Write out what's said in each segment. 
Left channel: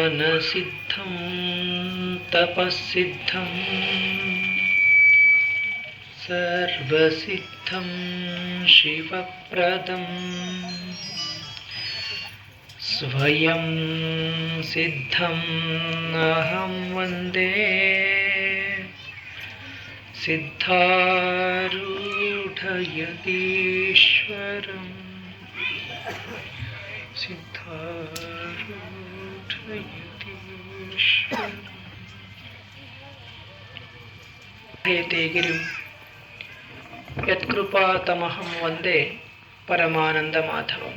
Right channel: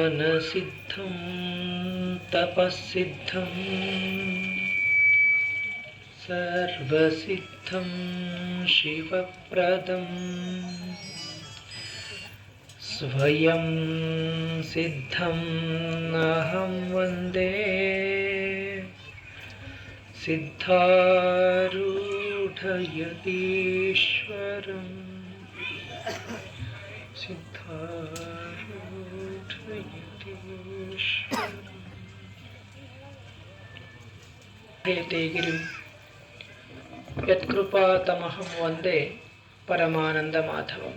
ಜ್ಞಾನಸಿದ್ಧಂ ತಪಸ್ಸಿದ್ಧಂ ಸರ್ವಸಿದ್ಧಂ ಶಿವಪ್ರದಂ ಸ್ವಯಂ ಸಿದ್ಧಂ ಅಹಂ ವಂದೇ ಸಿದ್ಧಾರೂಢಯತೀಶ್ವರಂ ಹೇತೆ ಗಿರಿಂ ಯತ್ಕೃಪಾತಮಹಂ ವಂದೇ ಪರಮಾನಂದ ಮಾಧವಂ.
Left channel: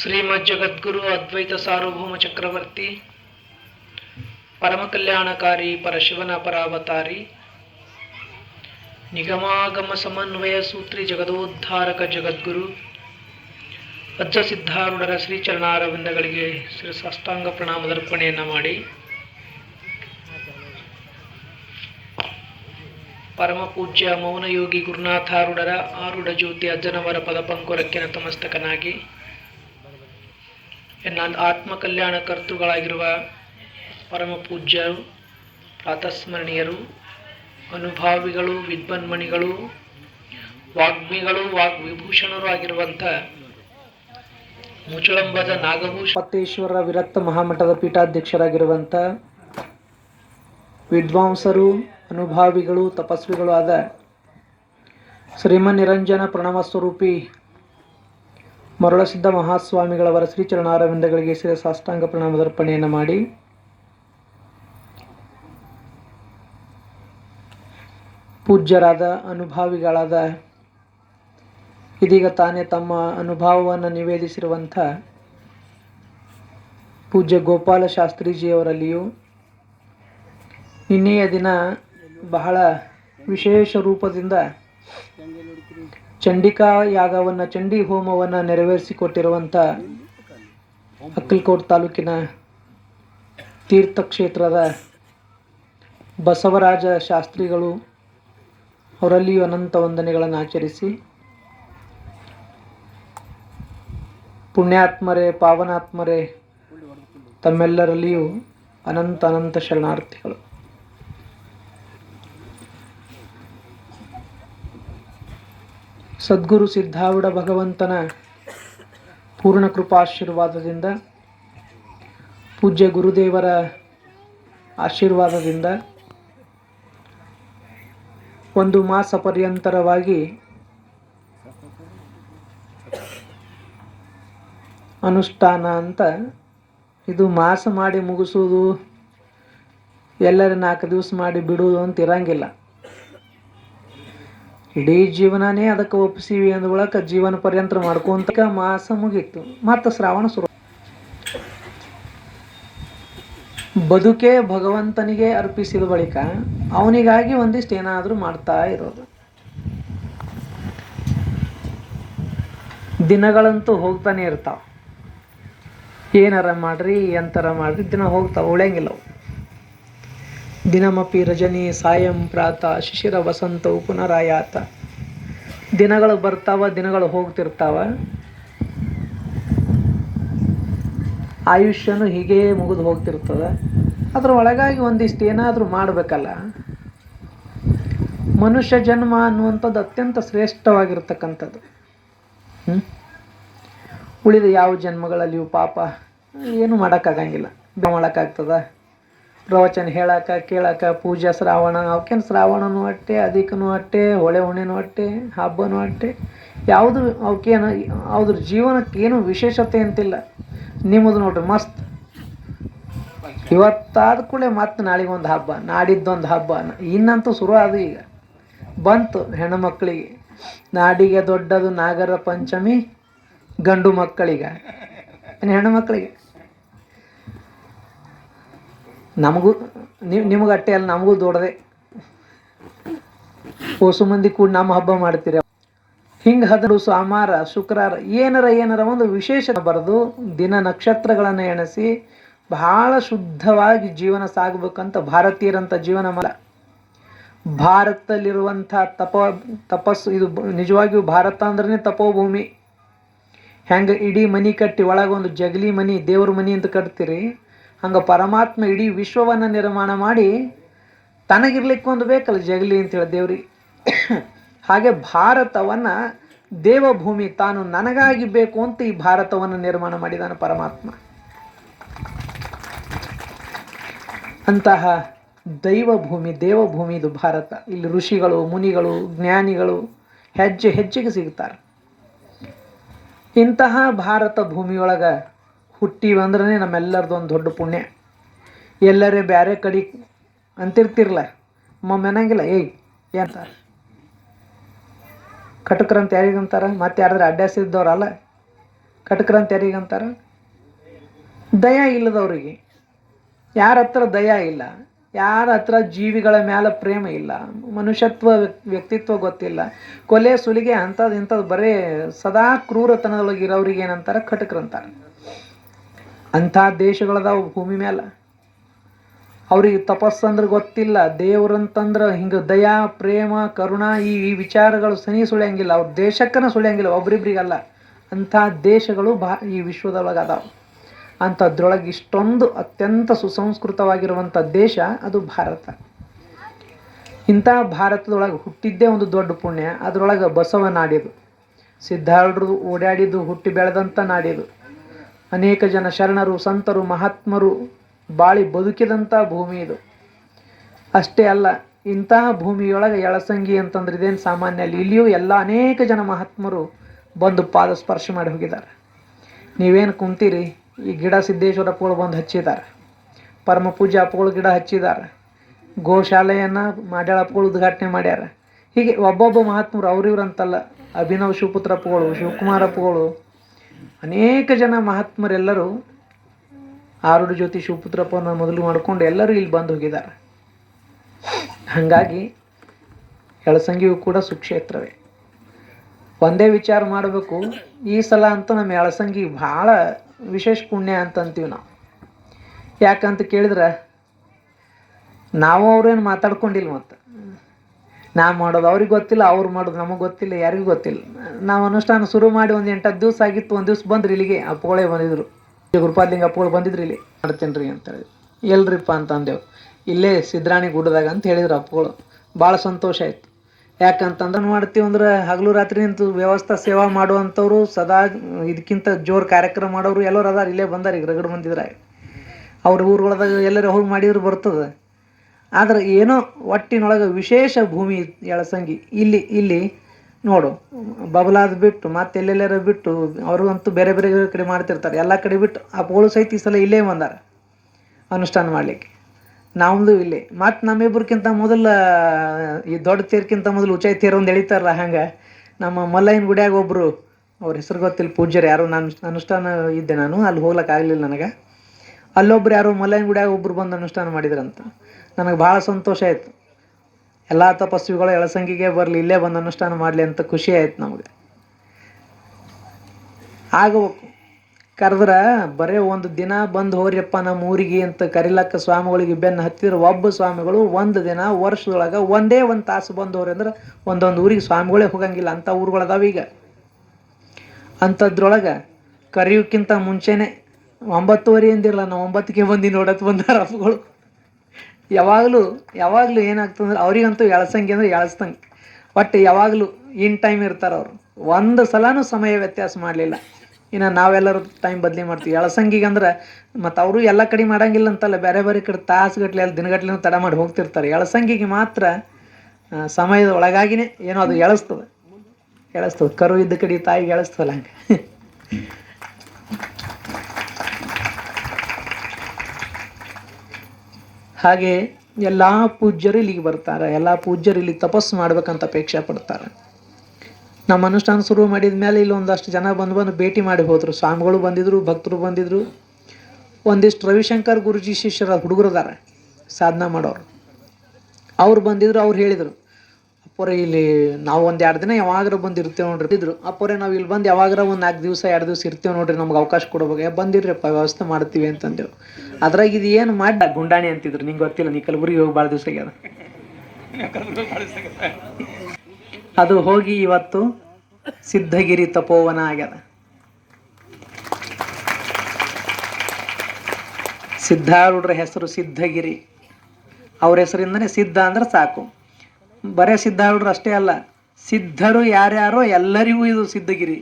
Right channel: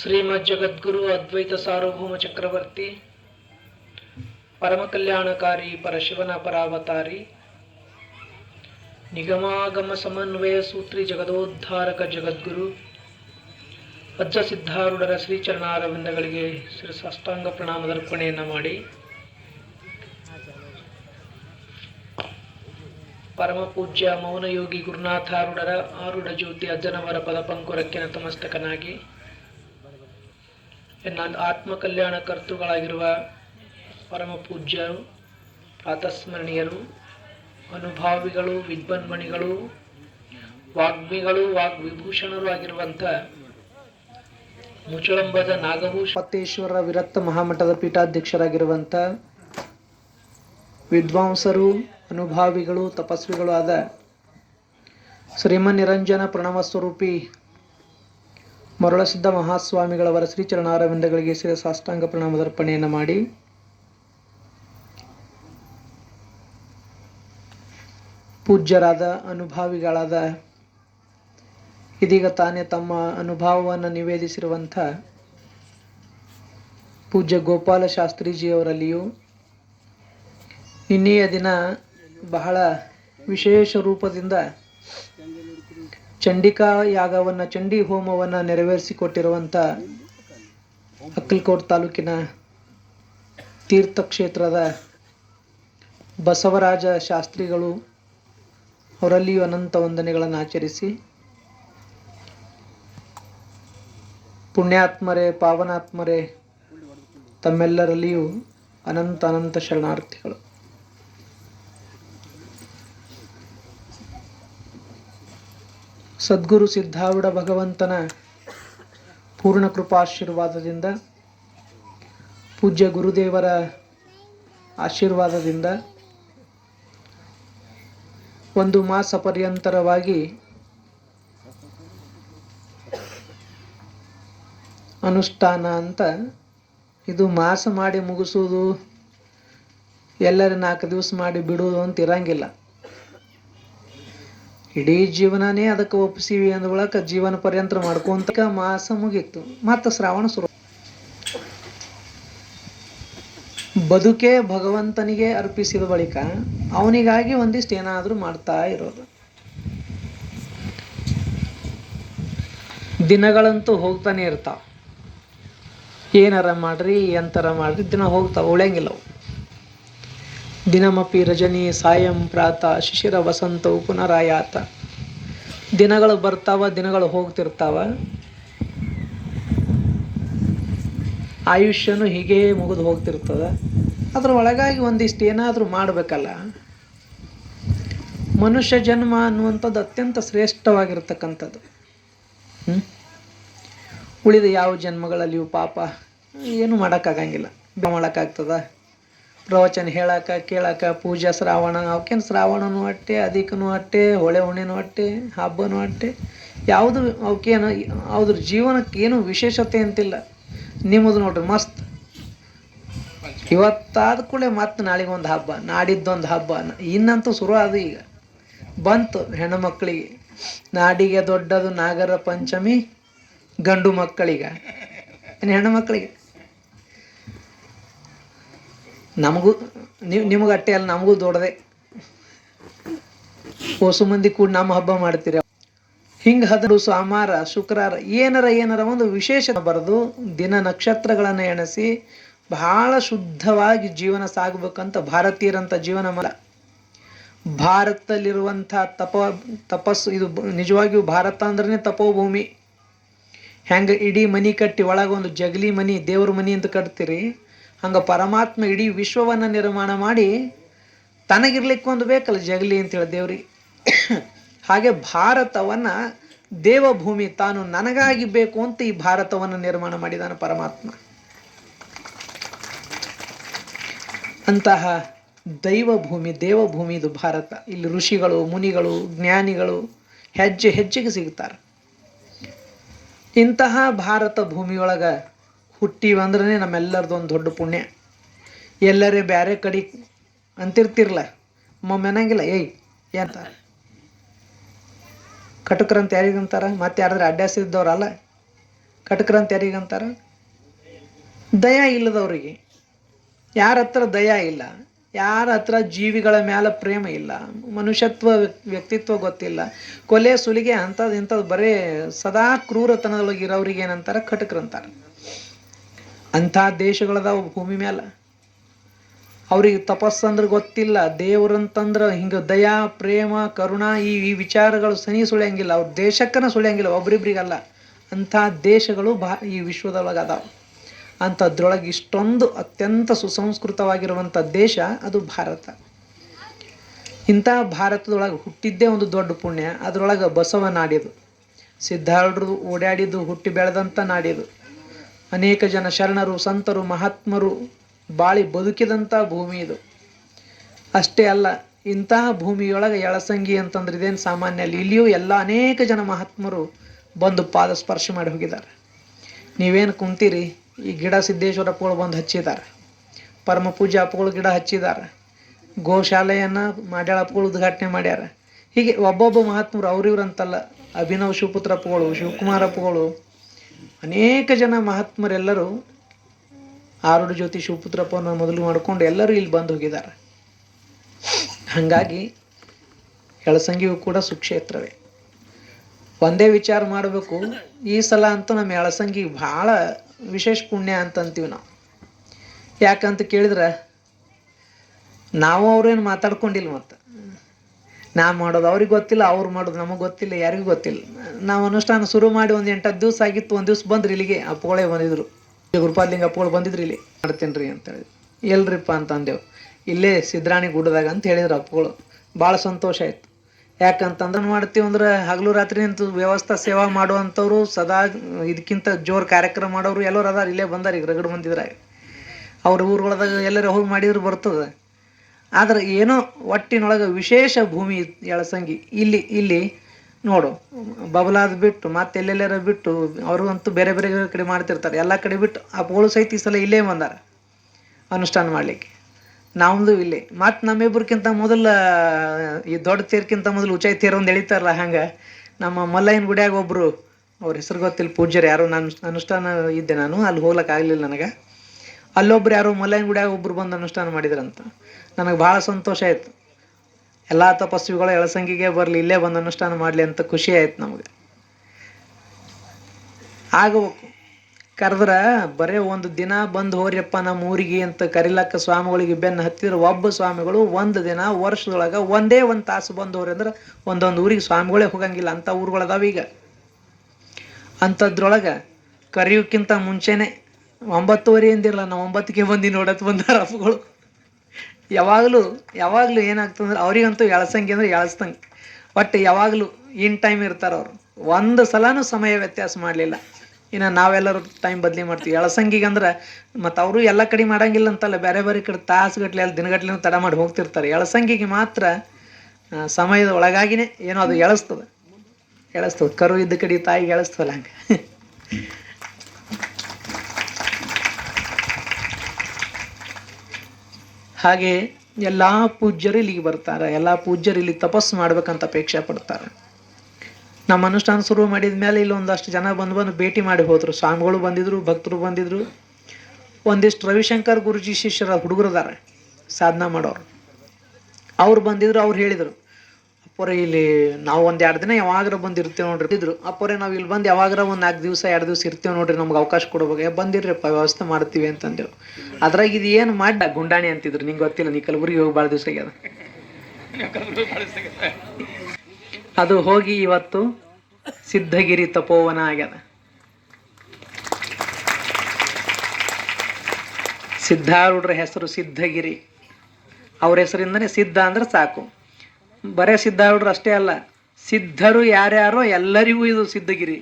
ಶ್ರೀಮಜ್ಜಗದ್ಗುರು ಅದ್ವೈತ ಸಾರ್ವಭೌಮ ಚಕ್ರವರ್ತಿ ಪರಮ ಕಲ್ಯಾಣಕಾರಿ ಪರಶಿವನ ಪರಾವತಾರಿ ನಿಗಮಾಗಮ ಸಮನ್ವಯ ಸೂತ್ರಿ ಜಗದೋದ್ಧಾರಕ ಜಗದ್ಗುರು ಅಜ್ಜ ಸಿದ್ಧಾರೂಢರ ಶ್ರೀಚರಣಾರವಿಂದಗಳಿಗೆ ಶಿರಸಾಷ್ಟಾಂಗ ಪ್ರಣಾಮದರ್ಪಣೆಯನ್ನು ಮಾಡಿ ಪರಮ ಪೂಜ್ಯ ಮೌನಯೋಗಿ ಗುರುನಾಥಾರೂಢರ ಆರೂಢ ಜ್ಯೋತಿ ಅಜ್ಜನವರ ಪದಪಂಕುರಕ್ಕೆ ನತಮಸ್ತಕನಾಗಿ ನನ್ನ ಆತ್ಮ ಕಲ್ಯಾಣ ಕರ್ತೃಗಳಾಗಿರುವ ಪರಮ ಪೂಜ್ಯರು, ಪ್ರಾತಸ್ಮರಣೀಯರು, ಅನುಭಾವಿಗಳು, ವಿದ್ವನ್ಮಣಿಗಳು, ವಾಗ್ಮಿಗಳು, ವಾಗ್ವಿಭೂಷಣರು ಆಗಿರುವಂಥ ಮುಚಳಂಬದ ನಾಗಭೂಷೇಶ್ವರ ವಿರಕ್ತ ಮಹಾಮಠದ ಪೀಠಾಧ್ಯಕ್ಷರಾಗಿರುವಂಥ ವಿದ್ವಾಂಸರು, ಅನುಭಾವಿಗಳು, ತಪಸ್ವಿಗಳು ಆದ ಶ್ರೀಮನ್ನಿರಂಜನ ಪ್ರಣವ ಸ್ವರೂಪಿ ಮರುಳಸಿದ್ಧ ಮಹಾಸ್ವಾಮಿಗಳವರ ಶ್ರೀಚರಣಾರವಿಂದಗಳಿಗೆ ಶಿರಸಾಷ್ಟಾಂಗ ಪ್ರಣಾಮದರ್ಪಣೆಯನ್ನು ಮಾಡಿ ಪೂಜ್ಯರಾದ ಅನುಭಾವಿಗಳಾದ ಇದೀಗ ತಾನೇ ತಮ್ಮ ಅನುಭವವನ್ನು ನಿವೇದಿಸಿರುವಂಥ ಪೂಜ್ಯ ಗೋಪಾಲ ಶಾಸ್ತ್ರೀಜಿಯವರಲ್ಲಿಯೂ ನಿನ್ನೆಯ ದಿನ ಬಹಳ ವಿಶೇಷ ರೂಪದಿಂದ ಚಂಡಿಕಾ ಯಾಗವನ್ನು, ಚಂಡಿ ಹೋಮವನ್ನು ನೆರವೇರಿಸಿಕೊಟ್ಟಿರುವಂಥ ಅಕ್ಕಲಕೋಟ್ ತಾಲೂಕಿನ ತೀರ್ಥಕ್ಷೇತ್ರದ ಬಸವರಾಜ ಶಾಸ್ತ್ರಿಗಳು ಅವರಲ್ಲಿಯೂ ಅನಂತ ವಂದನೆಗಳನ್ನು ಆಚರಿಸಿ, ಪುಣ್ಯಾತ್ಮರೇ, ಪಾವನಾತ್ಮರೇ, ತಮ್ಮೆಲ್ಲರಲ್ಲಿಯೂ ಅನಂತ ಶರಣಾರ್ಥಿಗಳು. ಸದ್ಗುರು ಸಿದ್ಧಾರೂಢ ಭಗವಂತನ ಪೂರ್ಣ ಕೃಪಾಶೀರ್ವಾದದಿಂದ, ಪೂಜ್ಯ ಗುರುದೇವರ ಆಶೀರ್ವಾದದಿಂದ ಒಂದು ಮಾಸ ಪರ್ಯಂತರವಾಗಿ ಅನುಷ್ಠಾನ ಅಂತ, ಇದು ಮಾಸ ಮಾಡಿ ಮುಗಿಸುವುದು, ಎಲ್ಲರೂ 4 ದಿವಸ ಮಾಡಿ ಬಿಡುವುದು ಅಂತ ಇರಂಗಿಲ್ಲ. ಇಡೀ ಜೀವನನೇ ಅದಕ್ಕೆ ಒಪ್ಪಿಸಿವಿ ಅಂದ್ಕೊಳಕ್ಕೆ ಜೀವನ ಪರ್ಯಂತರ ಮಾಡ್ಕೊಂತ ಮಾಸ ಮುಗೀತು, ಮತ್ತು ಶ್ರಾವಣ ಶುರು. ಬದುಕೆ ಭಗವಂತನಿಗೆ ಅರ್ಪಿಸಿದ ಬಳಿಕ ಅವನಿಗಾಗಿ ಒಂದಿಷ್ಟು ಏನಾದರೂ ಮಾಡ್ತಾ ಇರೋದು. ದಿನಗಳಂತೂ ಹೋಗ್ತಾನೆ ಇರ್ತಾವ, ಏನಾರ ಮಾಡ್ರಿ ಎಂಥರ ಮಾಡ್ರಿ, ದಿನ ಹೋಗ್ತಾವ, ಉಳಿಯಂಗಿಲ್ಲವು. ದಿನಮಪಿ ರಜನಿ ಸಾಯಂ ಪ್ರಾತಃ ಶಿಶಿರ ವಸಂತವು ಪುನರಾಯಾತ. ದಿನಗಳು ಬರ್ತಾವ, ದಿನಗಳು ಹೋಗ್ತಿರ್ತಾವ, ಆಯುಷ್ಯನೂ ಹೀಗೇ ಮುಗಿದು ಹೋಗ್ತಿರ್ತದೆ. ಅದ್ರ ಒಳಗಾಗಿ ಒಂದಿಷ್ಟು ಏನಾದರೂ ಮಾಡಬೇಕಲ್ಲ. ಮನುಷ್ಯ ಜನ್ಮ ಅನ್ನುವಂಥದ್ದು ಅತ್ಯಂತ ಶ್ರೇಷ್ಠವಾಗಿರ್ತಕ್ಕಂಥದ್ದು. ಉಳಿದ ಯಾವ ಜನ್ಮಗಳಲ್ಲಿಯೂ ಪಾಪ ಏನು ಮಾಡೋಕ್ಕಾಗಂಗಿಲ್ಲ. ಮಾಡೋಕ್ಕಾಗ್ತದ? ಪ್ರವಚನ ಹೇಳಕ್ಕ, ಕೇಳಕ್ಕ, ಪೂಜಾ, ಶ್ರಾವಣ, ಅವಕ್ಕೇನು ಶ್ರಾವಣನೂ ಅಟ್ಟೆ, ಅಧಿಕನೂ ಅಟ್ಟೆ, ಹೊಳೆ ಹುಣ್ಣಿನೂ ಅಟ್ಟೆ, ಹಬ್ಬನೂ ಅಟ್ಟೆ, ಯಾವುದು ಅವಕ್ಕೇನು ಅವ್ರ ಜೀವನಕ್ಕೆ ಏನು ವಿಶೇಷತೆ ಅಂತಿಲ್ಲ. ನಿಮ್ಮದು ನೋಡ್ರಿ ಮಸ್ತ್, ಇವತ್ತಾದ ಕೂಡಲೇ ಮತ್ತೆ ನಾಳೆಗೊಂದು ಹಬ್ಬ, ನಾಡಿದ್ದೊಂದು ಹಬ್ಬ, ಇನ್ನಂತೂ ಶುರು ಅದು. ಈಗ ಬಂತು ಹೆಣ್ಣು ಮಕ್ಕಳಿಗೆ, ನಾಡಿಗೆ ದೊಡ್ಡದು ನಾಗರ ಪಂಚಮಿ, ಗಂಡು ಮಕ್ಕಳಿಗೆ, ಇನ್ನು ಹೆಣ್ಣು ಮಕ್ಕಳಿಗೆ. ನಮಗೂ ನಿಮಗೆ ಅಟ್ಟೆ ಅಲ್ಲ, ನಮಗೂ ದೊಡ್ಡದೆ. ಹೊಸ ಮಂದಿ ಕೂಡ ನಮ್ಮ ಹಬ್ಬ ಮಾಡ್ತೀರ. ಹಿಂಗೆ ಹದಿರು ಸೋಮವಾರ ಶುಕ್ರವಾರ ಏನಾರ ಒಂದು ವಿಶೇಷ ಬರೆದು ದಿನ ನಕ್ಷತ್ರಗಳನ್ನು ಎಣಿಸಿ ಬಹಳ ಶುದ್ಧವಾಗಿ ಜೀವನ ಸಾಗಬೇಕಂತ ಭಾರತೀಯರಂಥ ಜೀವನ ಮಲ. ಭಾರತದಲ್ಲಿರುವಂಥ ತಪಸ್ಸು ಇದು ನಿಜವಾಗಿಯೂ ಭಾರತ ಅಂದ್ರೆ ತಪೋಭೂಮಿ. ಹೆಂಗೆ ಇಡೀ ಮನಿ ಕಟ್ಟಿ ಒಳಗೊಂದು ಜಗಲಿ ಮನಿ ದೇವ್ರ ಮನಿ ಅಂತ ಕಟ್ತೀರಿ, ಹಂಗೆ ಪರಮಾತ್ಮ ಇಡೀ ವಿಶ್ವವನ್ನು ನಿರ್ಮಾಣ ಮಾಡಿ ತನಗಿರ್ಲಿಕ್ಕೆ ಒಂದು ಬೇಕಲ್ಲ ಜಗಲಿ ಅಂತೇಳಿ ದೇವ್ರಿಗೆ. ಹಾಗೆ ಭಾರತವನ್ನು ದೇವಭೂಮಿ, ತಾನು ನನಗಾಗಿ ಬೇಕು ಅಂತ ಈ ಭಾರತವನ್ನು ನಿರ್ಮಾಣ ಮಾಡಿದಾನೆ ಪರಮಾತ್ಮ. ಅಂತಹ ದೈವಭೂಮಿ ದೇವಭೂಮಿ ಇದು ಭಾರತ. ಇಲ್ಲಿ ಋಷಿಗಳು ಮುನಿಗಳು ಜ್ಞಾನಿಗಳು ಹೆಜ್ಜೆ ಹೆಜ್ಜೆಗೆ ಸಿಗ್ತಾರೆ. ಇಂತಹ ಭಾರತ ಭೂಮಿಯೊಳಗೆ ಹುಟ್ಟಿವಂದ್ರೆ ನಮ್ಮೆಲ್ಲರದೊಂದು ದೊಡ್ಡ ಪುಣ್ಯ. ಎಲ್ಲರೇ ಬೇರೆ ಕಡೆ ಅಂತಿರ್ತಿರ್ಲ ಮನೆಗಿಲ್ಲ ಏಯ್ ಏನಂತಾರೆ ಕಟಕರಂತ ಯಾರಿಗಂತಾರ? ಮತ್ತೆ ಯಾರಾದ್ರೂ ಅಡ್ಡಾಸಿದ್ದವ್ರಲ್ಲ ಕಟಕರಂತ ಯಾರಿಗಂತಾರ? ದಯ ಇಲ್ಲದವ್ರಿಗೆ. ಯಾರ ಹತ್ರ ದಯ ಇಲ್ಲ, ಯಾರ ಹತ್ರ ಜೀವಿಗಳ ಮೇಲೆ ಪ್ರೇಮ ಇಲ್ಲ, ಮನುಷ್ಯತ್ವ ವ್ಯಕ್ತಿತ್ವ ಗೊತ್ತಿಲ್ಲ, ಕೊಲೆ ಸುಲಿಗೆ ಅಂಥದ್ದು ಇಂಥದ್ದು ಬರೇ ಸದಾ ಕ್ರೂರತನದೊಳಗಿರೋರಿಗೆ ಏನಂತಾರೆ? ಕಟಕರಂತಾರೆ. ಅಂಥ ದೇಶಗಳದಾವು ಭೂಮಿ ಮೇಲೆ. ಅವ್ರಿಗೆ ತಪಸ್ಸಂದ್ರೆ ಗೊತ್ತಿಲ್ಲ, ದೇವ್ರಂತಂದ್ರೆ ಹಿಂಗೆ ದಯಾ ಪ್ರೇಮ ಕರುಣಾ ಈ ವಿಚಾರಗಳು ಸನಿ ಸುಳಿಯಂಗಿಲ್ಲ. ಅವ್ರ ದೇಶಕ್ಕನ ಸುಳಿಯಂಗಿಲ್ಲ, ಒಬ್ರಿಬ್ರಿಗಲ್ಲ. ಅಂಥ ದೇಶಗಳು ಈ ವಿಶ್ವದೊಳಗೆ ಅದಾವೆ. ಅಂಥದ್ರೊಳಗೆ ಇಷ್ಟೊಂದು ಅತ್ಯಂತ ಸುಸಂಸ್ಕೃತವಾಗಿರುವಂಥ ದೇಶ ಅದು ಭಾರತ. ಇಂಥ ಭಾರತದೊಳಗೆ ಹುಟ್ಟಿದ್ದೇ ಒಂದು ದೊಡ್ಡ ಪುಣ್ಯ. ಅದರೊಳಗೆ ಬಸವ ನಾಡಿದು, ಸಿದ್ಧಾರೂಢರು ಓಡಾಡಿದ್ದು ಹುಟ್ಟಿ ಬೆಳೆದಂಥ ನಾಡಿದು. ಅನೇಕ ಜನ ಶರಣರು ಸಂತರು ಮಹಾತ್ಮರು ಬಾಳಿ ಬದುಕಿದಂಥ ಭೂಮಿ ಇದು. ಅಷ್ಟೇ ಅಲ್ಲ, ಇಂತಹ ಭೂಮಿಯೊಳಗೆ ಯಳಸಂಗಿ ಅಂತಂದ್ರೆ ಇದೇನು ಸಾಮಾನ್ಯ ಅಲ್ಲಿ. ಇಲ್ಲಿಯೂ ಎಲ್ಲ ಅನೇಕ ಜನ ಮಹಾತ್ಮರು ಬಂದು ಪಾದ ಸ್ಪರ್ಶ ಮಾಡಿ ಹೋಗಿದ್ದಾರೆ. ನೀವೇನು ಕುಂತೀರಿ, ಈ ಗಿಡ ಸಿದ್ದೇಶ್ವರ ಅಪ್ಪಗಳು ಬಂದು ಹಚ್ಚಿದ್ದಾರೆ, ಪರಮ ಪೂಜ್ಯ ಅಪ್ಪಗಳು ಗಿಡ ಹಚ್ಚಿದ್ದಾರೆ, ಗೋಶಾಲೆಯನ್ನು ಮಾಡ್ಯಾಳ ಅಪ್ಪಗಳು ಉದ್ಘಾಟನೆ ಮಾಡ್ಯಾರ. ಹೀಗೆ ಒಬ್ಬೊಬ್ಬ ಮಹಾತ್ಮರು ಅವ್ರಿವ್ರಂತಲ್ಲ, ಅಭಿನವ್ ಶಿವಪುತ್ರ ಅಪ್ಪಗಳು, ಶಿವಕುಮಾರ ಅಪ್ಪಗಳು, ಅನೇಕ ಜನ ಮಹಾತ್ಮರೆಲ್ಲರೂ ಆರುಢ ಜ್ಯೋತಿ ಶಿವಪುತ್ರಪ್ಪನ ಮೊದಲು ಮಾಡಿಕೊಂಡು ಎಲ್ಲರೂ ಇಲ್ಲಿ ಬಂದು ಹೋಗಿದ್ದಾರೆ. ಹಾಗಾಗಿ ಯಳಸಂಗಿಯು ಕೂಡ ಸುಕ್ಷೇತ್ರವೇ. ಒಂದೇ ವಿಚಾರ ಮಾಡಬೇಕು, ಈ ಸಲ ಅಂತೂ ನಮ್ಮ ಯಳಸಂಗಿ ಭಾಳ ವಿಶೇಷ ಪುಣ್ಯ ಅಂತಂತೀವಿ ನಾವು. ಯಾಕಂತ ಕೇಳಿದ್ರೆ ನಾವು ಅವ್ರೇನು ಮಾತಾಡ್ಕೊಂಡಿಲ್ಲ. ಮತ್ತು ನಾವು ಮಾಡೋದು ಅವ್ರಿಗೆ ಗೊತ್ತಿಲ್ಲ, ಅವ್ರು ಮಾಡೋದು ನಮಗೆ ಗೊತ್ತಿಲ್ಲ, ಯಾರಿಗೂ ಗೊತ್ತಿಲ್ಲ. ನಾವು ಅನುಷ್ಠಾನ ಶುರು ಮಾಡಿ ಒಂದು 8-10 ದಿವಸ ಆಗಿತ್ತು. ಒಂದು ದಿವ್ಸ ಬಂದ್ರಿ ಇಲ್ಲಿಗೆ, ಅಪ್ಪಗಳೇ ಬಂದಿದ್ರು, ಗುರುಪಾದ್ಲಿಂಗ ಅಪ್ಪಗಳು ಬಂದಿದ್ರು. ಇಲ್ಲಿ ಮಾಡ್ತೀನಿ ರೀ ಅಂತೇಳಿ. ಎಲ್ರಿಪ್ಪ ಅಂತ ಅಂದೆವು. ಇಲ್ಲೇ ಸಿದ್ರಾಣಿ ಗುಡ್ಡದಾಗ ಅಂತ ಹೇಳಿದ್ರು ಅಪ್ಪಗಳು. ಭಾಳ ಸಂತೋಷ ಆಯಿತು. ಯಾಕಂತಂದ್ರೆ ಮಾಡ್ತೀವಿ ಅಂದ್ರೆ ಹಗಲು ರಾತ್ರಿ ನಿಂತು ವ್ಯವಸ್ಥೆ ಸೇವಾ ಮಾಡುವಂಥವ್ರು, ಸದಾ ಇದಕ್ಕಿಂತ ಜೋರು ಕಾರ್ಯಕ್ರಮ ಮಾಡೋರು ಎಲ್ಲರೂ ಅದಾರ. ಇಲ್ಲೇ ಬಂದಾರ, ಈಗ ರಗಡ್ ಬಂದಿದ್ರಾಗ. ಅವ್ರ ಊರುಗಳದಾಗ ಎಲ್ಲರೂ ಹೋಗಿ ಮಾಡಿದ್ರು ಬರ್ತದೆ. ಆದ್ರೆ ಏನೋ ಒಟ್ಟಿನೊಳಗೆ ವಿಶೇಷ ಭೂಮಿ ಯಳಸಂಗಿ. ಇಲ್ಲಿ ನೋಡು, ಬಬಲಾದ್ ಬಿಟ್ಟು ಮತ್ತೆ ಎಲ್ಲೆಲ್ಲಾರ ಬಿಟ್ಟು ಅವ್ರಿಗಂತೂ ಬೇರೆ ಬೇರೆ ಕಡೆ ಮಾಡ್ತಿರ್ತಾರೆ. ಎಲ್ಲ ಕಡೆ ಬಿಟ್ಟು ಅಪ್ಪಗಳು ಸಹಿತ ಈ ಸಲ ಇಲ್ಲೇ ಬಂದಾರ ಅನುಷ್ಠಾನ ಮಾಡಲಿಕ್ಕೆ. ನಮ್ಮದು ಇಲ್ಲೇ. ಮತ್ತು ನಮ್ಮಿಬ್ಬರಿಗಿಂತ ಮೊದಲು ಈ ದೊಡ್ಡ ತೇರ್ಕಿಂತ ಮೊದಲು ಉಚಾಯಿ ತೇರು ಒಂದು ಎಳಿತಾರಲ್ಲ, ಹಂಗೆ ನಮ್ಮ ಮಲ್ಲಯ್ಯನ ಗುಡಿಯಾಗ ಒಬ್ಬರು, ಅವ್ರ ಹೆಸರು ಗೊತ್ತಿಲ್ಲ, ಪೂಜ್ಯರು ಯಾರು, ನಾನು ಅನುಷ್ಠಾನ ಇದ್ದೆ, ನಾನು ಅಲ್ಲಿ ಹೋಗ್ಲಿಕ್ಕೆ ಆಗಲಿಲ್ಲ ನನಗೆ. ಅಲ್ಲೊಬ್ರು ಯಾರೋ ಮಲ್ಲಯ್ಯನ ಗುಡಿಯಾಗ ಒಬ್ಬರು ಬಂದು ಅನುಷ್ಠಾನ ಮಾಡಿದ್ರಂತ. ನನಗೆ ಭಾಳ ಸಂತೋಷ ಆಯಿತು. ಎಲ್ಲ ತಪಸ್ವಿಗಳು ಯಳಸಂಗಿಗೆ ಬರಲಿ, ಇಲ್ಲೇ ಬಂದು ಅನುಷ್ಠಾನ ಮಾಡಲಿ ಅಂತ ಖುಷಿ ಆಯ್ತು ನಮಗೆ. ಆಗಬೇಕು. ಕರೆದ್ರೆ ಬರೀ ಒಂದು ದಿನ ಬಂದು ಹೋಗ್ರಿಯಪ್ಪ ನಮ್ಮ ಊರಿಗೆ ಅಂತ ಕರಿಲಕ್ಕ ಸ್ವಾಮಿಗಳಿಗೆ ಬೆನ್ನು ಹತ್ತಿರ ಒಬ್ಬ ಸ್ವಾಮಿಗಳು ಒಂದು ದಿನ ವರ್ಷದೊಳಗೆ ಒಂದೇ ಒಂದು ತಾಸು ಬಂದು ಹೋಗ್ರಿ ಅಂದ್ರೆ ಒಂದೊಂದು ಊರಿಗೆ ಸ್ವಾಮಿಗಳೇ ಹೋಗಂಗಿಲ್ಲ. ಅಂಥ ಊರುಗಳದಾವ ಈಗ. ಅಂಥದ್ರೊಳಗೆ ಕರೆಯೋಕ್ಕಿಂತ ಮುಂಚೆನೇ 9:30 ಎಂದಿರಲ್ಲ, ನಾವು 9ಕ್ಕೆ ಬಂದು ನೋಡತ್ತು ಬಂದಾರ ಅಪ್ಪಗಳು. ಯಾವಾಗಲೂ ಏನಾಗ್ತದಂದ್ರೆ ಅವ್ರಿಗಂತೂ ಯಳಸಂಗಿ ಅಂದ್ರೆ ಯಳಸ್ತಂಗೆ. ಒಟ್ಟು ಯಾವಾಗಲೂ ಇನ್ ಟೈಮ್ ಇರ್ತಾರೆ ಅವರು. ಒಂದು ಸಲನೂ ಸಮಯ ವ್ಯತ್ಯಾಸ ಮಾಡಲಿಲ್ಲ. ಇನ್ನು ನಾವೆಲ್ಲರೂ ಟೈಮ್ ಬದಲಿ ಮಾಡ್ತೀವಿ. ಯಳಸಂಗಿಗೆ ಅಂದ್ರೆ ಮತ್ತು ಅವರು ಎಲ್ಲ ಕಡೆ ಮಾಡೋಂಗಿಲ್ಲ ಅಂತಲ್ಲ, ಬೇರೆ ಬೇರೆ ಕಡೆ ತಾಸುಗಟ್ಲೆ ಅಲ್ಲಿ ದಿನಗಟ್ಲೆ ತಡ ಮಾಡಿ ಹೋಗ್ತಿರ್ತಾರೆ. ಯಳಸಂಗಿಗೆ ಮಾತ್ರ ಸಮಯದ ಒಳಗಾಗಿನೇ ಏನೋ ಅದು ಎಳಿಸ್ತದೆ. ಕರು ಇದ್ದ ಕಡೆ ತಾಯಿಗೆ ಎಳಿಸ್ತಲ್ಲ ಹಂಗೆ. ಹಾಗೆ ಎಲ್ಲ ಪೂಜ್ಯರು ಇಲ್ಲಿಗೆ ಬರ್ತಾರೆ. ಎಲ್ಲ ಪೂಜ್ಯರು ಇಲ್ಲಿ ತಪಸ್ಸು ಮಾಡ್ಬೇಕಂತ ಅಪೇಕ್ಷೆ ಪಡ್ತಾರೆ. ನಮ್ಮ ಅನುಷ್ಠಾನ ಶುರು ಮಾಡಿದ ಮೇಲೆ ಇಲ್ಲಿ ಒಂದಷ್ಟು ಜನ ಬಂದು ಭೇಟಿ ಮಾಡಿ ಹೋದರು. ಸ್ವಾಮಿಗಳು ಬಂದಿದ್ರು, ಭಕ್ತರು ಬಂದಿದ್ರು. ಒಂದಿಷ್ಟು ರವಿಶಂಕರ್ ಗುರುಜಿ ಶಿಷ್ಯರ ಹುಡುಗರದಾರ ಸಾಧನ ಮಾಡೋರು. ಅವ್ರು ಬಂದಿದ್ರು. ಅವ್ರು ಹೇಳಿದರು, ಪೊರೆ ಇಲ್ಲಿ ನಾವು ಒಂದು 2 ದಿನ ಯಾವಾಗಾರ ಬಂದು ಇರ್ತೇವೆ ನೋಡ್ರಿ ಇದ್ರು ಅಪ್ಪೊರೆ ನಾವು ಇಲ್ಲಿ ಬಂದು ಯಾವಾಗಾರ ಒಂದು 4 ದಿವಸ 2 ದಿವಸ ಇರ್ತೇವೆ ನೋಡ್ರಿ, ನಮ್ಗೆ ಅವಕಾಶ ಕೊಡ್ಬೇಕು, ಬಂದಿರ್ರಿಪ್ಪ ವ್ಯವಸ್ಥೆ ಮಾಡ್ತೀವಿ ಅಂತಂದೇವು. ಅದ್ರಾಗ ಇದು ಏನು ಮಾಡಿ ಗುಂಡಾಣಿ ಅಂತಿದ್ರು, ನಿಂಗೆ ಗೊತ್ತಿಲ್ಲ, ನೀ ಕಲಬುರಗಿ ಹೋಗಿ ಭಾಳ ದಿವಸ ಆಗ್ಯದ. ಅದು ಹೋಗಿ ಇವತ್ತು ಸಿದ್ಧಗಿರಿ ತಪೋವನ ಆಗ್ಯದ. ಸಿದ್ಧಾರೂಢರ ಹೆಸರು ಸಿದ್ಧಗಿರಿ. ಅವ್ರ ಹೆಸರಿಂದನೇ ಸಿದ್ಧ ಅಂದ್ರೆ ಸಾಕು. ಬರೇ ಸಿದ್ಧಾರೂಢರು ಅಷ್ಟೇ ಅಲ್ಲ, ಸಿದ್ಧರು ಯಾರ್ಯಾರೋ ಎಲ್ಲರಿಗೂ ಇದು ಸಿದ್ಧಗಿರಿ.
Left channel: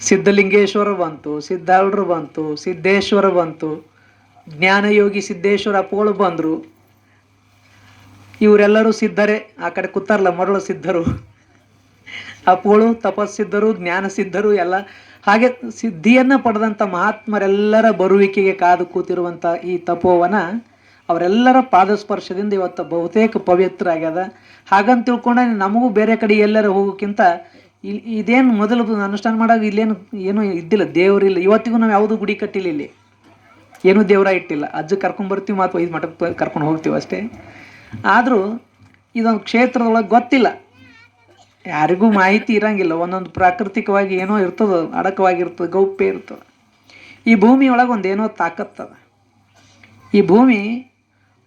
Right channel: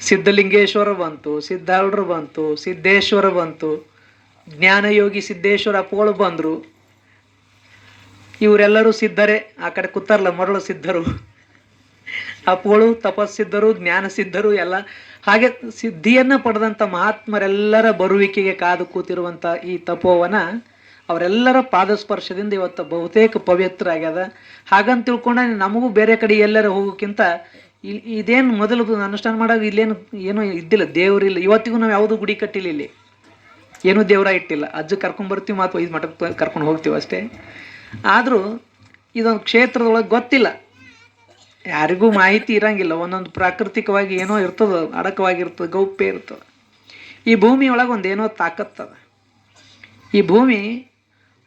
ಸಿದ್ಧಲಿಂಗೇಶ್ವರ ಬಂತು, ಸಿದ್ಧಾರೂಢರು ಬಂತು, ಸಿದ್ದೇಶ್ವರ ಬಂತು, ಜ್ಞಾನಯೋಗಿ ಸಿದ್ದೇಶ್ವರ ಅಪ್ಪಗಳು ಬಂದರು. ಇವರೆಲ್ಲರೂ ಸಿದ್ಧರೇ. ಆ ಕಡೆ ಕೂತಾರಲ್ಲ ಮರಳು ಸಿದ್ಧರು, ಅಪ್ಪಗಳು ತಪಸ್ಸಿದ್ಧರು, ಜ್ಞಾನ ಸಿದ್ಧರು ಎಲ್ಲ. ಹಾಗೆ ಸಿದ್ಧಿಯನ್ನು ಪಡೆದಂಥ ಮಹಾತ್ಮರೆಲ್ಲರ ಬರುವಿಕೆಗೆ ಕಾದು ಕೂತಿರುವಂಥ ಈ ತಪೋವನ ಅವರೆಲ್ಲರ ಪಾದಸ್ಪರ್ಶದಿಂದ ಇವತ್ತು ಬಹುತೇಕ ಪವಿತ್ರ ಆಗ್ಯದ. ಹಾಗಂತ ತಿಳ್ಕೊಂಡ ನಮಗೂ ಬೇರೆ ಕಡೆ ಎಲ್ಲರೂ ಹೋಗೋಕ್ಕಿಂತ ಇದೇನು ಮೊದಲು ಅನುಷ್ಠಾನ ಮಾಡಾಗ ಏನೂ ಇದ್ದಿಲ್ಲ, ದೇವರಿಲ್ಲ. ಇವತ್ತಿಗೂ ನಾವು ಯಾವುದೂ ಗುಡಿ ಕಟ್ಟಿಲ್ಲ, ಇಲ್ಲಿ ಏನೂ ದೇವರ ಇಟ್ಟಿಲ್ಲ. ಅಜ್ಜ ಕರ್ಕೊಂಡ್ಬರ್ತೀವಿ ಮತ್ತು 5 ಮಠಕ್ಕೆ ಕರ್ಕೊಂಡು ಹೋಗ್ತೀವಿ ಅಷ್ಟೇ. ಆದರೂ ಇದೊಂದು ಕ್ಷೇತ್ರದೊಳಗೆ ಗೊತ್ತಿಲ್ಲ, ಯಾರಿಗೂ ಮಾಹಿತಿ ಇರಂಗಿಲ್ಲ. ಒಂದೊಂದು ಪ್ರಾಕೃತಿಕವಾಗಿ ಏನೋ ಇರ್ತದೆ, ಅಡಕವಾಗಿರ್ತದೆ, ಗೌಪ್ಯ ಇರ್ತದೆ. ಈ ಭೂಮಿಯೊಳಗೆ ಒಂದೇನೋ ತಾಕತ್ತದ. ಈ ಭೂಮಿ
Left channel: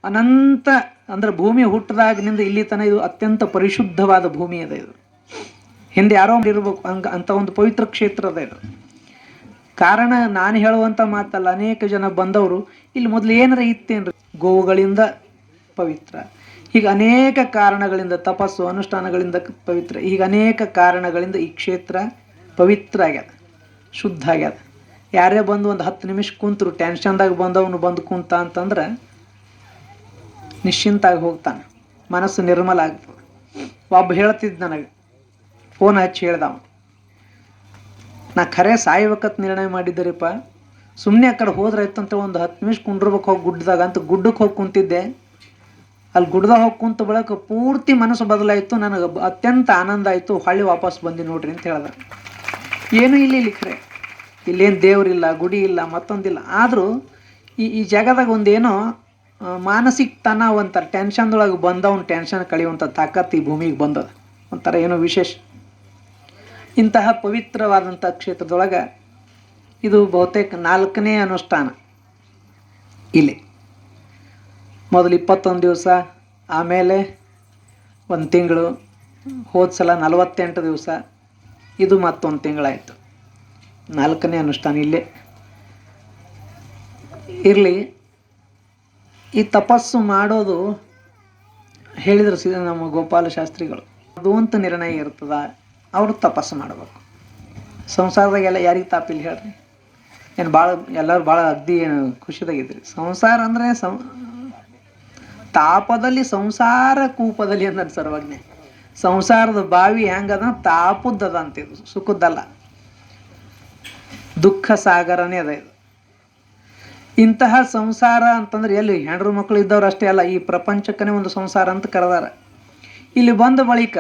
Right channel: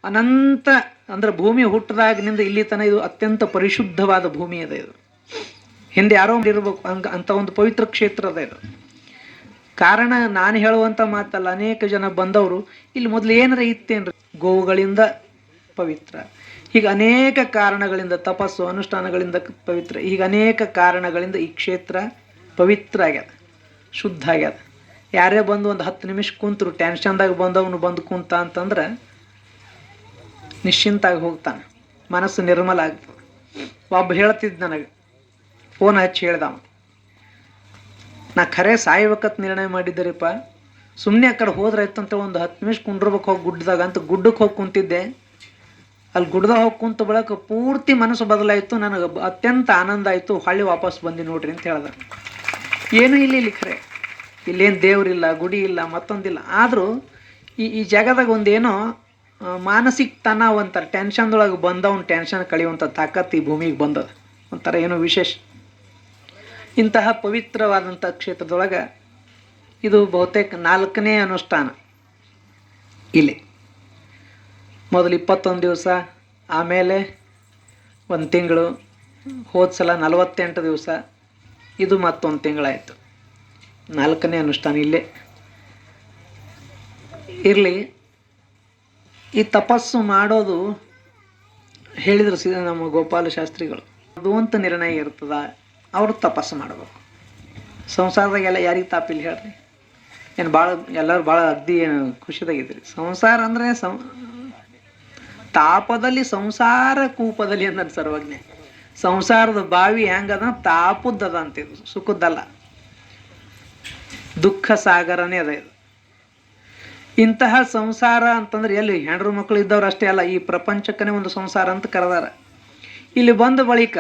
ಅನಂತ ಅಂದ್ರೆ ಭೂಮಿ ಹುಟ್ಟದಾಗಿನಿಂದ ಇಲ್ಲಿ ತನಕ ಇದು ಅತ್ಯಂತ ಪರಿಶುದ್ಧವಾದ ಭೂಮಿ ಅದ. ಇದು ಹಿಂದೆ ಯಾರೋ ಇರ್ಬೇಕು ಅಂತ ಒಂದು ಪವಿತ್ರ ಕ್ಷೇತ್ರ ಅದ ಇದು. ಕಾರಣ ನಾನು ಹೇಳುವಂಥ ಮಾತಲ್ಲ, ಅನೇಕ ಜನ ಬಂದವರು ಇಲ್ಲಿ ಮೊದಲು ಏನಾರ ಇತ್ತೇನ್ರಿ, ಗೋವುಗಳಿಂದ ಪವಿತ್ರ, ಹೀಗೆ ಅನೇಕ ಕಾರಣಗಳಿಂದ, ತಪಸ್ಸು ಅನುಷ್ಠಾನಗಳಿಂದ ಪವಿತ್ರ, ಹೀಗೆ ಅನೇಕ ಕಾರಣಗಳಿಂದ ಈ ಕ್ಷೇತ್ರ ಪವಿತ್ರ ಆಗ್ಯದ, ಶುದ್ಧ ಆಗ್ಯದ. ಯಾರೇ ಬಂದು ಒಂದು 10 ನಿಮಿಷ ಕುಂತರು, ಟೆನ್ಷನ್ದಾಗ ಬಂದವನು ಬಂದು ಕುಂತ ಅಂತಂದ್ರೆ ನಿಶ್ಚಿಂತಾಗಿ ಹೋಗ್ತಾನೆ, ಮನಸ್ಸು ನಿರ್ಮಲ ಆಗ್ತದೆ. ಒಬ್ಬ ಹೇಳ್ತಿದ್ದು ನನಗೆ, ಫೋನ್ ಹಚ್ಚಿ ಹೇಳ್ದವ, ನಾ ಖರೆ ಸಾಯ್ಬೇಕತ್ ನಿರ್ಣಯ ಮಾಡಿದ್ದರಿಪ್ಪ, ಸುಮ್ಮನೆ ಆ ಕಡೆ ಹೋದ್ರೆ ಆಯ್ತಂತ ಒಂದು 10 ನಿಮಿಷ ಕುಂಡ್ರಬೇಕು ಹೋಗಿ ಗುಡ್ಡದಾಗ ಅಂತ ಗುಡ್ಡಕ್ಕೆ ಹೋಗಿ ಕುಂತಿದ್ದೆ. ಅಲ್ಲಿ ಗುಡ್ದಾಗ ಹೋಗಿ ಕುಂತ ಬಳಕ ಪೂರ್ತಿ ಮನಸ್ಸು ಬದಲಾಯಿತು, ನನಗೆ ಅತ್ಯಂತ ಆನಂದ ಆಯಿತು. ಹೊಳ್ಳಿ ವಾಪಸ್ ಬಂದು ನೋಡ್ರಿ ಅಂತ ಹೇಳಿದ್ರು. ಏನೂ ಇಲ್ಲಿ ಖರೆ, ಇಲ್ಲೇನು ದೇವರಿಲ್ಲ, ಗುಡಿ ಇಲ್ಲ, ಮತ್ತೊಂದಿಲ್ಲ. ಆದರೂ ಈ ಜಾಗದಾಗ ಒಂದೇನೋ ಮಾನಸಿಕ ತನಾವ ಅಂತಾರೆ, ಟೆನ್ಷನ್ದೊಳಗೆ ಬಂದವನು ಟೆನ್ಷನ್ ಕಳೆಯುವಂಥ ತಾಕತ್ತು ಈ ಭೂಮಿಗೆ ಬಂದದ, ಒಂಥರ ಏನೋ ವಿಶೇಷ. ಇಂತಹ ಪವಿತ್ರವಾದಂಥ ಕ್ಷೇತ್ರದೊಳಗೆ ಇದು ಬಹುತೇಕ 4ನೇ ಅನುಷ್ಠಾನ. ಇಲ್ಲಿ ಮೊದಲು 21 ದಿವಸ, ಆಮೇಲೆ 1 ತಿಂಗಳು, ಹೋದ ಸಲ 48 ದಿವಸ, ಇದು ಮತ್ತೊಂದು ತಿಂಗಳಾಯಿತು. 4ನೇ ಅನುಷ್ಠಾನ ಇಲ್ಲೇ ಇರಲಿ. ಈ ತಪಸ್ಸು ಮಾಡೋದು ಹೇಳಿದ್ರು ನಮ್ಮ ಗೋಪಾಲ ಶಾಸ್ತ್ರಿಗಳು, ಅದು ಅಂತ ನಿರ್ಣಯ ಇರ್ತದ, ಅವರು ತಪಸ್ಸು ಮಾಡಬೇಕು. ಸಂಸಾರದಾಗೆಲ್ಲ ಯಾರಿಗೆ ತಾಪಿಲ್ಲ ಹೇಳ್ರಿ, ಏನು ಭಾಳ ಎಲ್ಲರೂ ಭಾಳ ಅಗ್ದಿ ಖುಷಿದಾಗಿದ್ರಿ. ಸಂಸಾರ ಅಂದರೆ ತಾಪದಲ್ಲಿ ಸಂಸಾರ ಕೂಪದಲ್ಲಿ ಅಂದ ಸರ್ವಜ್ಞ. ಸಂಸಾರದ ಬಾವಿ ಹೆಂಗದ, ತಾಪುದ್ದದ ಅಂತಿದ್ದು, ಸುಖದ್ದಲ್ಲ, ದುಃಖ ಸಾಗರನೇ ಅದ ಇದು. ಇಂತಹ ಸಂಸಾರ ಅಂತಂದ್ರೆ ಎಲ್ಲಿ ಹೆಂಡ್ರು ಮಕ್ಕಳು ಇದ್ದವ್ರು ಅಷ್ಟೇ ಅಲ್ಲ, ಈ ಪ್ರಪಂಚಕ್ಕನೇ ಒಂದು ಸಂಸಾರ ಅಂತ ಕರೆದಾರ. ಇಲ್ಲಿ ಬಂದ ಬಳಿಕ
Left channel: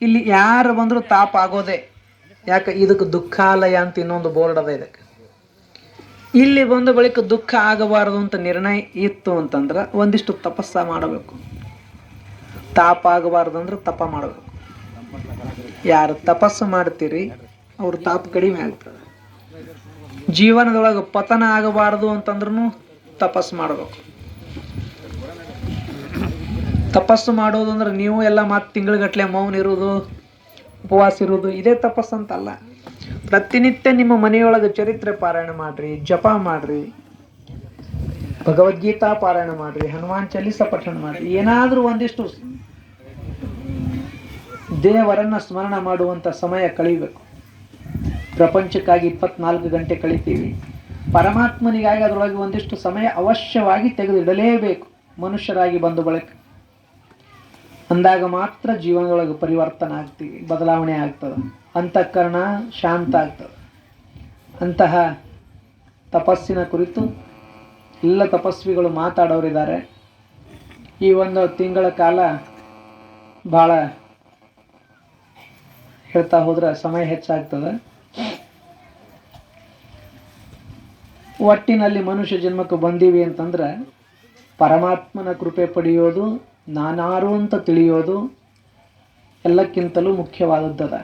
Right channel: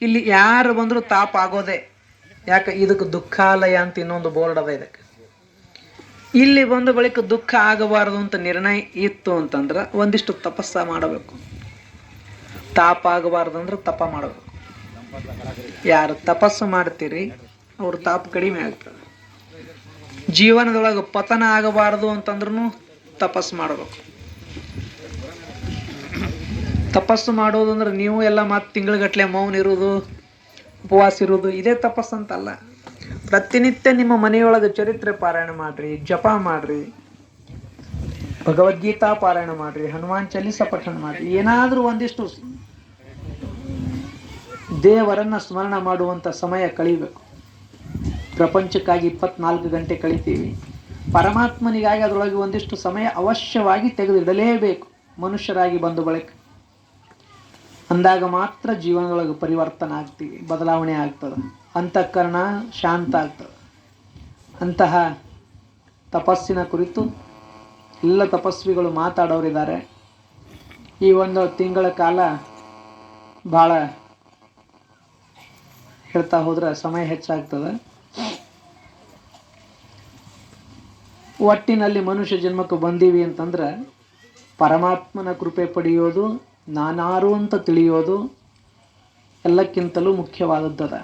ಇಲ್ಲಿ ಯಾರು ಬಂದರೂ ತಾಪ ಆಗೋದೆ. ಯಾಕೆ, ಇದಕ್ಕೆ ದುಃಖಾಲಯ ಅಂತ ಇನ್ನೊಂದು ಬೋರ್ಡ್ ಅದ ಇದಕ್ಕೆ. ಇಲ್ಲಿ ಬಂದ ಬಳಿಕ ದುಃಖ ಆಗಬಾರದು ಅಂತ ನಿರ್ಣಯ ಇತ್ತು ಅಂತಂದ್ರೆ ಒಂದಿಷ್ಟು ತಪಸ್ಸ ಮಾಡಬೇಕು. ತಾಪ ಆಗಬಾರ್ದು ಅಂದ್ರೆ ತಪ ಮಾಡಬೇಕು. ಯಾರು ತಪಸ್ಸು ಮಾಡ್ತೀರಿ ಅವ್ರ ತಾಪ ಕಡಿಮೆ ಆಗ್ತದೆ. ಜೀವನದೊಳಗೆ ಪತನ ಆಗಬಾರದು ಅಂತಂದ್ರೂ ತಪಸ್ಸು ಮಾಡಬೇಕು. ತಪಸ್ಸು ಮಾಡೋದು ಅಂದ್ರೆ ನೀವು ಎಲ್ಲ ಮತ್ತು ತಿಂಗಳಗಟ್ಟಲೆ ಮೌನ ಇರೋದು, ಉಪವಾಸ ಇರೋದು, ಇದೇ ತಪಸ್ಸು ಅಂತಲ್ಲ. ಪ್ರತಿನಿತ್ಯ ನಿಮ್ಮ ಮನೆಯೊಳಗೆ ಚರಿತ್ರೆ ಪಾರಾಯಣ ಮಾಡ್ರಿ, ಜಪ ಮಾಡ್ರಿ, ಭಗವದ್ಗೀತಾ ಪಾರಾಯಣ ಮಾಡ್ರಿ, ಹನುಮಾನ್ ಚಾಲೀಸ ಪಠಣ ಮಾಡ್ರಿ. ಏನಾದರೂ ಒಂದಿಷ್ಟು ದೇವರನ್ನ ಸ್ಮರಣ ಮಾಡುವಂಥ ಸಮಯ ಕಳಿಬೇಕು. ಪ್ರಪಂಚಕ್ಕಾಗಿ 24 ಗಂಟೆ ಕಳಿತೀವಿ, ಪರಮಾತ್ಮನಿಗಾಗಿ ಅದರೊಳಗೆ ಒಂದಿಷ್ಟು ಸಮಯ ಅವಶ್ಯವಾಗಿ ತೆಗೆದಿಡಲೇಬೇಕು. ಮನುಷ್ಯರಾಗಿ ಬಂದು ಬಳಿಕ ಅಂದಾಗ ಮಾತ್ರ ಜೀವನದೊಳಗೆ ಪರಿವರ್ತನೆ ಆಗ್ತೀವಿ, ಬದಲಾವಣೆ ಆಗ್ತದೆ, ಅಂತಃಕರಣ ಶಾಂತ ಆಗ್ತದೆ. ಅಂತಹ ತಪಸ್ಸಿನ ಕುರಿತು ಎಲ್ಲ ತಪಸ್ವಿಗಳು ಮಾತಾಡೋರಿದ್ದಾರೆ. ಈ 1 ತಿಂಗಳ ಕಾಲ ಭಾಳ ಹೇಳ್ತಾ ಹೋದ್ರೆ ಸಮಯ ಹೆಚ್ಚಾಗ್ತದೆ. ಒಟ್ಟಿನಲ್ಲಿ ಮನುಷ್ಯ ಜನ್ಮಕ್ಕೆ ಬಂದೀವಿ ಅಂತಂದ್ರೆ ಪರಮಾತ್ಮನ ಕೃಪೆ ಪಡೆಯೋದು, ನಾನಾರು ಅಂತ ತಿಳಿಯೋದು, ಎಲ್ಲಕ್ಕಿಂತಲೂ ಮುಖ್ಯವಾದದ್ದದ.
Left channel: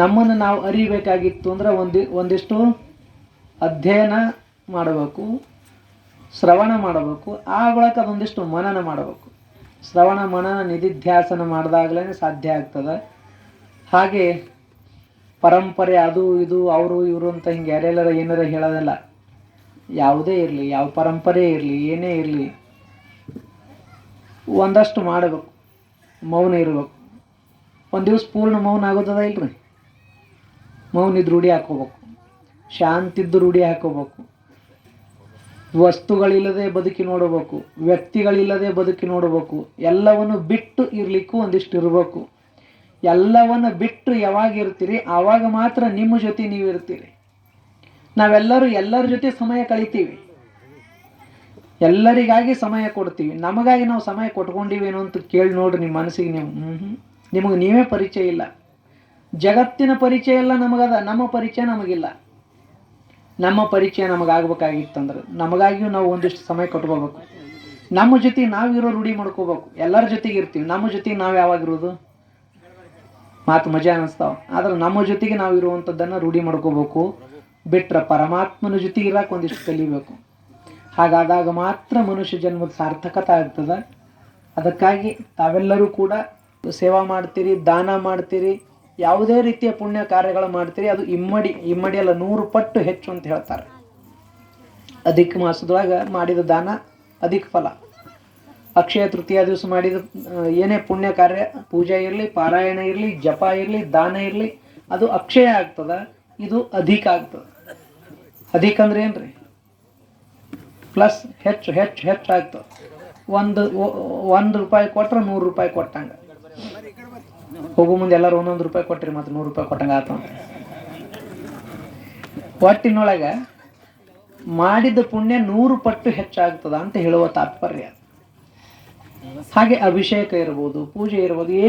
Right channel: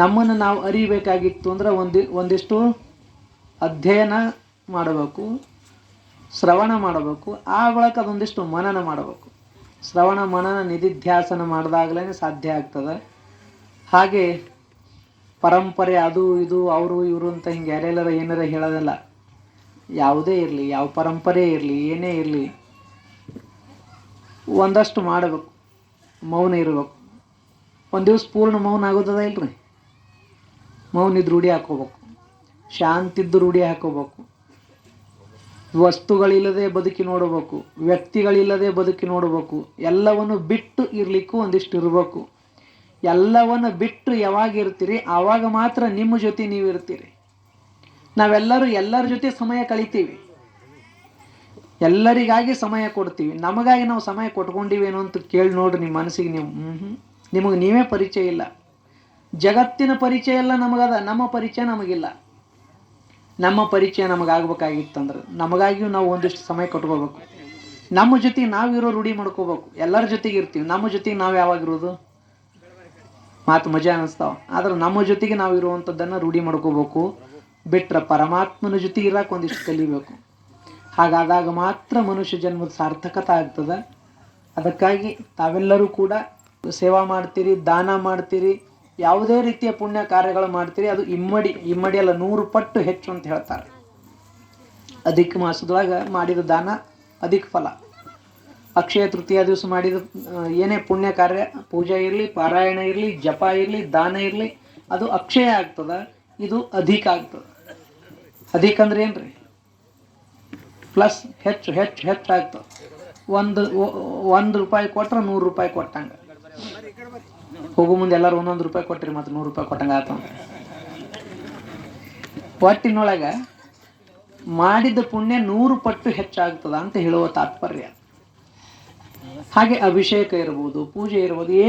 ನಮ್ಮನ್ನು ನಾವು ಅರಿಬೇಕಾಗಿತ್ತು ಅಂದ್ರೆ ಒಂದಿಷ್ಟು ಅಧ್ಯಯನ ಮಾಡಬೇಕು, ಶ್ರವಣ ಮಾಡಬೇಕು, ಆ ಬಳಿಕ ಅದೊಂದಿಷ್ಟು ಮನನ ಮಾಡಬೇಕು. ಶ್ರವಣ ಮನನ ನಿಧಿಧ್ಯಾಸನ ಮಾಡಿದಾಗಲೇ ಸಾಧ್ಯ ಆಗ್ತದೆ. ಹಾಗೆ ಪರಂಪರೆ ಅದು ಇದು ಅವರು ಇವರು ಅಂತ ಹಿಂಗೆ ಯಾರೆಲ್ಲರ ಏನಾರ ಹೇಳೋದಲ್ಲ. ಯಾವುದೇ ಇರಲಿ, ಯಾವ ಪರಂಪರೆ ಇರಲಿ, ಏನೇ ಇರಲಿ, ಒಂದಷ್ಟು ಮಾಡಬೇಕು, ಮೌನ ಇರಬೇಕು. ಒಂದು ದಿವಸ ಪೂರ್ಣ ಮೌನ ಆಗೋದದ ಇಲ್ರಿ. ಮೌನಿದ್ದು ರೂಢಿ ಹಾಕೋಬೇಕು, ಶಾಂತಿದ್ದು ರೂಢಿ ಹಾಕೋಬೇಕು. ವಸ್ತುಗಳಿಲ್ಲದೆ ಬದುಕಿ ನೋಡಬೇಕು, ವ್ಯಕ್ತಿಗಳಿಲ್ಲದೆ ಬದುಕಿ ನೋಡಬೇಕು. ಎಲ್ಲವನ್ನು ಬಿಟ್ಟು ಇರಲಿಕ್ಕೂ ಒಂದಿಷ್ಟು ಇರಬೇಕು. ಎಲ್ಲವನ್ನು ಬಿಟ್ಟು ಯಾವಾಗ ಇರ್ತೀರಿ ಆವಾಗ ಮಾತ್ರ ನಿಮ್ಮ ಜೊತೆ ನೀವು ಇರ್ತೀರಿ. ನಾವೆಲ್ಲರೂ ಎಲ್ಲರ ಜೊತೆ ಸಮಯ ಕಳಿತೀವಿ, ಎಲ್ಲರಿಗಾಗಿ ಸಮಯ ಕೊಡ್ತೀವಿ. ನಮಗಾಗಿ ನಾವು ಸಮಯ ಕೊಟ್ಕೊಂಡಿವೇನೋ ಅಂತ ಕೇಳಿ ನೋಡ್ರಿ ನಿಮ್ಮ ಮನಸ್ಸಿಗೆ ನೀವು. ನಿಮಗೆ ನೀವೇ ಪರಿಚಯ ಇಲ್ಲ. ಜಗತ್ತಿನ ಪರಿಚಯ ಎಲ್ಲ ನಮಗದ, ನಮ್ಮ ಪರಿಚಯ ನಮಗಿಲ್ಲ. ನಮ್ಮ ಪರಿಚಯ ನಮಗಾಗಬೇಕಾಗಿತ್ತಂದ್ರೆ ನಮಗಾಗಿಯೂ ನಾವು ಒಂದಿಷ್ಟು ಸಮಯ ಕೊಟ್ಕೋಬೇಕು. ನಮ್ಮ ಜೊತೆಗೆ ನಾವಿರೋ ರೂಢಿ ಮಾಡ್ಕೋಬೇಕು. ಎಲ್ಲರ ಜೊತೆಗೆ ಇರ್ತೀವಿ, ನಮ್ಮ ಜೊತೆಗೆ ನಾವು ಯಾವಾಗಿರೋದು ಮಾತು ಮಜಾ ಅನ್ನಿಸ್ತಾವ. ಆದ್ರೆ ನಮ್ಮ ಜೊತೆಗೆ ನಾವು ಇರುವಂಥದ್ದನ್ನು ರೂಢಿ ಮಾಡ್ಕೋಬೇಕು. ಬಿಟ್ರೆ ಪರಮಾತ್ಮನ ಜೊತೆಗೆ ಇರಕ್ಕೆ ಒಂದಿಷ್ಟು ಕಲಿಬೇಕು. ಹಾಗಾದಾಗ ಮಾತ್ರ ಮನುಷ್ಯ ಜನ್ಮದ ಸಾರ್ಥಕತೆ ಆಗ್ತದೆ. ಅದಕ್ಕಾಗಿ ತಾವೆಲ್ಲರೂ ಕೂಡ ಸೇವಾ ಮಾಡ್ತೀರಿ, ದಾನ ಮಾಡ್ತೀರಿ, ಯಾವುದೇ ರೀತಿಯ ಪುಣ್ಯ ಕಾರ್ಯಗಳು ಮಾಡ್ತೀರಿ. ಅದು ಇಮ್ಮಡಿ ಅಲ್ಲ, 100 ಪಟ್ಟು ಹೆಚ್ಚು ಅಂತ ಹೇಳ್ತಾರೆ. ಅಧಿಕ ಮಾಸದೊಳಗೆ ಮಾಡಿದ ದಾನ ಅಧಿಕ ಫಲ. ಅಕ್ಷಯ ತೃತೀಯ ದಿವಸ ಮಾಡಿದ ಏನೇ ಪುಣ್ಯ ಕಾರ್ಯ, ಪೂಜೆ ಇರಲಿ, ಪಾರಾಯಣ ಇರಲಿ, ಜಪ ಇರಲಿ, ದಾನ ಇರಲಿ, ಅದು ಅಕ್ಷಯ ಆಗ್ತದೆ. ಇದು ಅಧಿಕ ಆಗ್ತದೆ. ಅಧಿಕ ಅಂದ್ರೆ ಏನ್ರಿ? ಪ್ಲಸ್ ಹೆಚ್ಚು ಹೆಚ್ಚು ಹೆಚ್ಚು ಆಗ್ತದೆ. ಒಂದು ರೂಪಾಯಿ ಕೊಟ್ರೆ 100 ರೂಪಾಯಿ ಕೊಟ್ಟಂಗೆ. ಹೋಗೋ ಮುಂದೆ ಎಲ್ಲರೂ 1 ರೂಪಾಯಿ ಕೊಟ್ಟಿರಿ, ಮತ್ತು 100 ರೂಪಾಯಿ ಕೊಟ್ಟಂಗೆ ಆತಂದ್ರೆ ಒಟ್ಟಿನೊಳಗೆ ಮಾಡಿದ ಪುಣ್ಯ 100 ಪಟ್ಟು ಹೆಚ್ಚಾಗ್ತದ ಅಂತ ಹೇಳುವ ತಾತ್ಪರ್ಯ. ಹಾಗೆ ಅಭಿಷೇಕ ಇರ್ಬೋದು, ಪೂಜೆ ಇರ್ಬೋದು,